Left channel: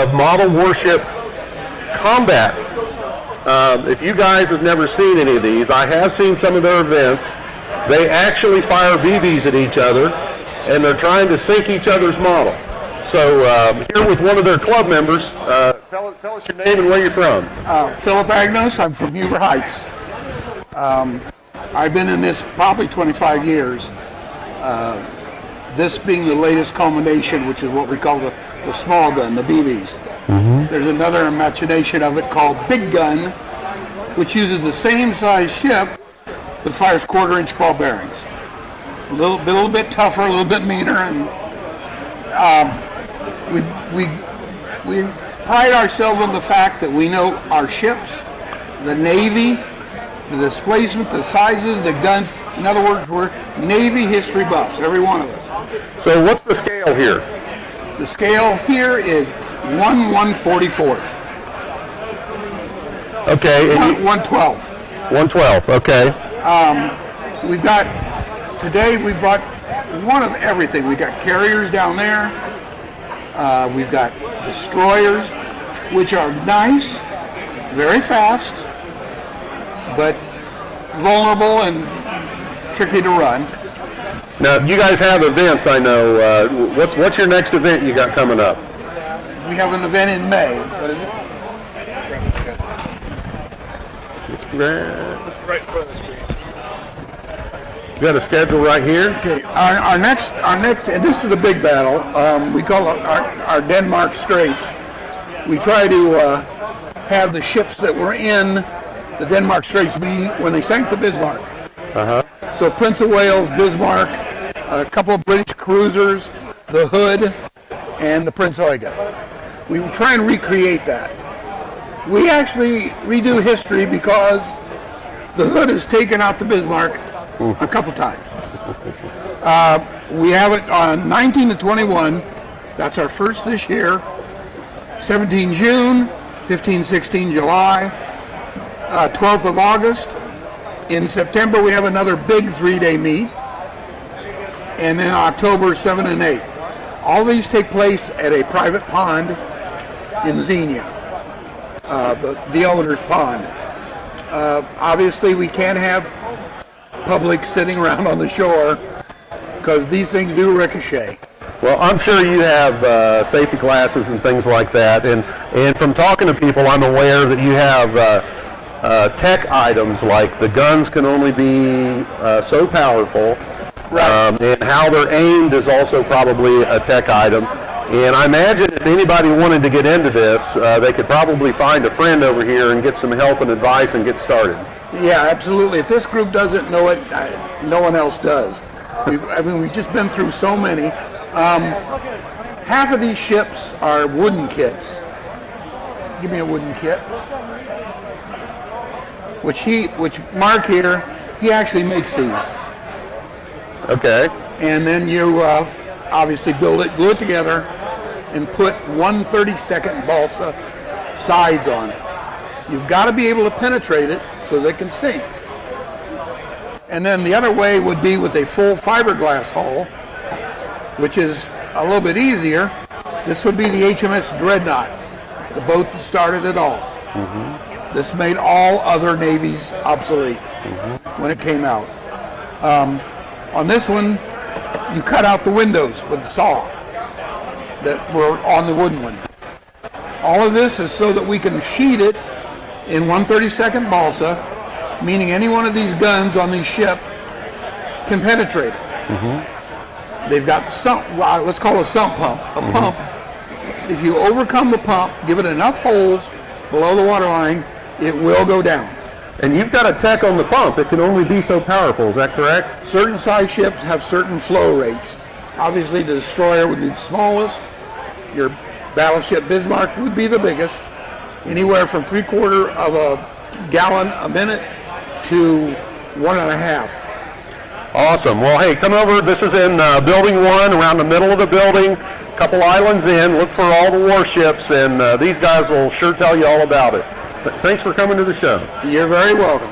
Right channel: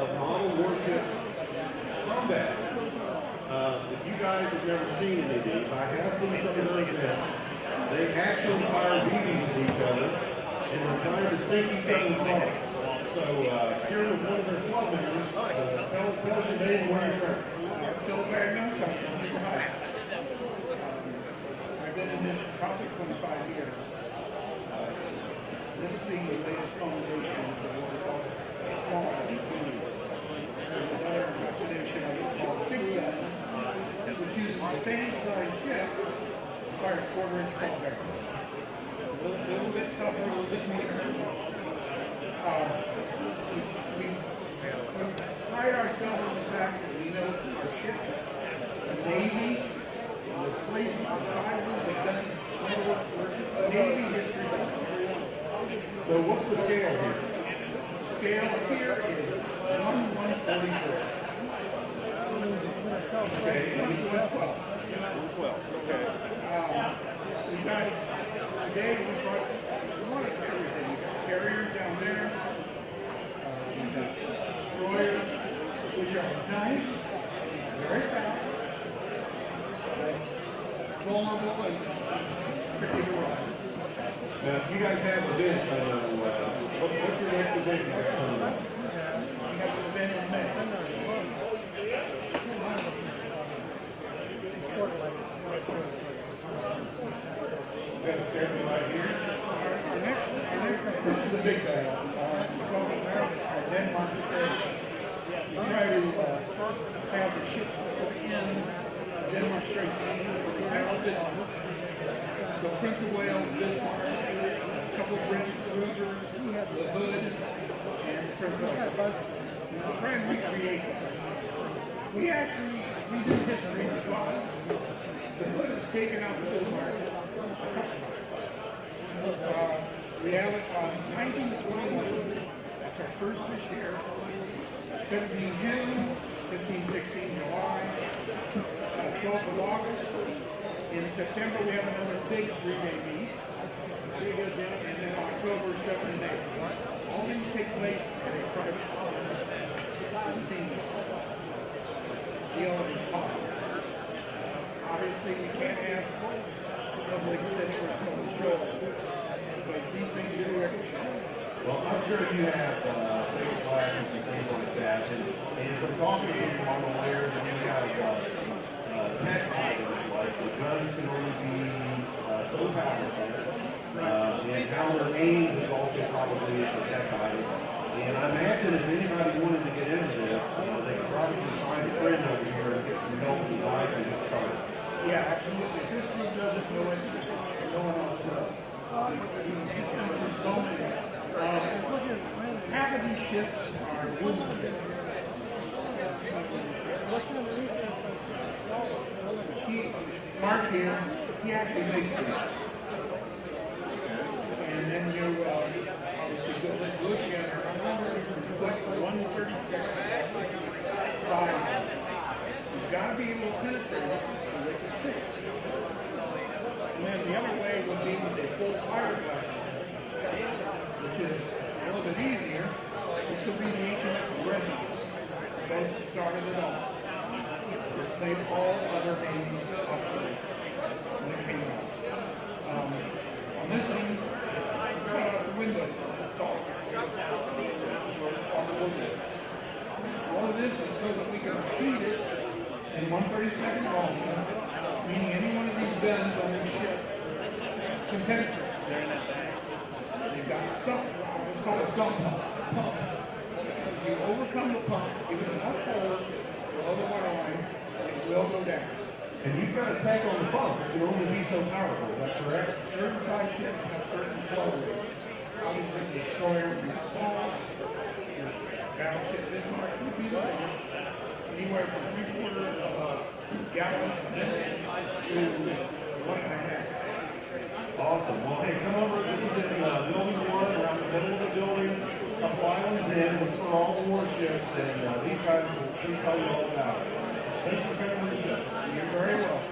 of model warship combat. If you guys have never seen any of these, I have seen some of their events. They actually fire BBs at each other, and they're trying to sink each other's model. So here with one of their club members, tell us your name and where you're from. Philip Agnos. I'm from Huber Heights. I've been in this probably 25 years. This being the latest culmination, which is what we call the small gun, the BBs. Mm-hmm. There's another imagination of it called Big Gun, which uses the same size ship but fires quarter-inch ball bearings. A little bit tougher, a little bit meaner, and we pride ourselves on the fact that we know our ships, the Navy, the displacement, the sizes, the guns. In other words, we're Navy history buffs, every one of us. So what's the scale here? The scale here is 1/144th. Okay. 1/12th. 1/12, okay. Today we brought one of everything. We got carriers down there. We've got destroyers, which are nice, very fast, but vulnerable and tricky to run. Now, you guys have events, I know. What's your next event you got coming up? We have an event in May. What is it? Right in front of the screen. You got a schedule right here? Okay. Our next, and this is a big battle. We call it our Denmark Straits. We try to have the ships that were in the Denmark Straits when they sank the Bismarck. Uh-huh. So Prince of Wales, Bismarck, a couple of British cruisers, the Hood, and the Prince Eugen. We try and recreate that. We actually redo history because the Hood has taken out the Bismarck a couple times. We have it on 19 to 21. That's our first this year. 17 June, 15, 16 July, 12th of August. In September, we have another big 3-day meet. And then October 7 and 8. All these take place at a private pond in Xenia, the owner's pond. Obviously, we can't have public sitting around on the shore because these things do ricochet. Well, I'm sure you have safety classes and things like that, and from talking to people, I'm aware that you have tech items like the guns can only be so powerful, right. And how they're aimed is also probably a tech item. And I imagine if anybody wanted to get into this, they could probably find a friend over here and get some help and advice and get started. Yeah, absolutely. If this group doesn't know it, no one else does. We've just been through so many. Half of these ships are wooden kits. Give me a wooden kit. Which Mark here, he actually makes these. Okay. And then you obviously build it, glue it together, and put 1/32 balsa sides on it. You've got to be able to penetrate it so they can sink. And then the other way would be with a full fiberglass hull, which is a little bit easier. This would be the HMS Dreadnought, the boat that started it all. Mm-hmm. This made all other navies obsolete when it came out. On this one, you cut out the windows with a saw that were on the wooden one. All of this is so that we can sheet it in 1/32 balsa, meaning any one of these guns on these ships can penetrate it. Mm-hmm. They've got let's call it a sump pump. A pump, if you overcome the pump, give it enough holes below the waterline, it will go down. And you've got a tech on the pump. It can only be so powerful. Is that correct? Certain size ships have certain flow rates. Obviously, the destroyer would be the smallest. Your battleship Bismarck would be the biggest. Anywhere from 3/4 of a gallon a minute to 1.5. Awesome. Well, hey, come over. This is in Building 1, around the middle of the building. A couple islands in. Look for all the warships, and these guys will sure tell you all about it. Thanks for coming to the show. You're very welcome.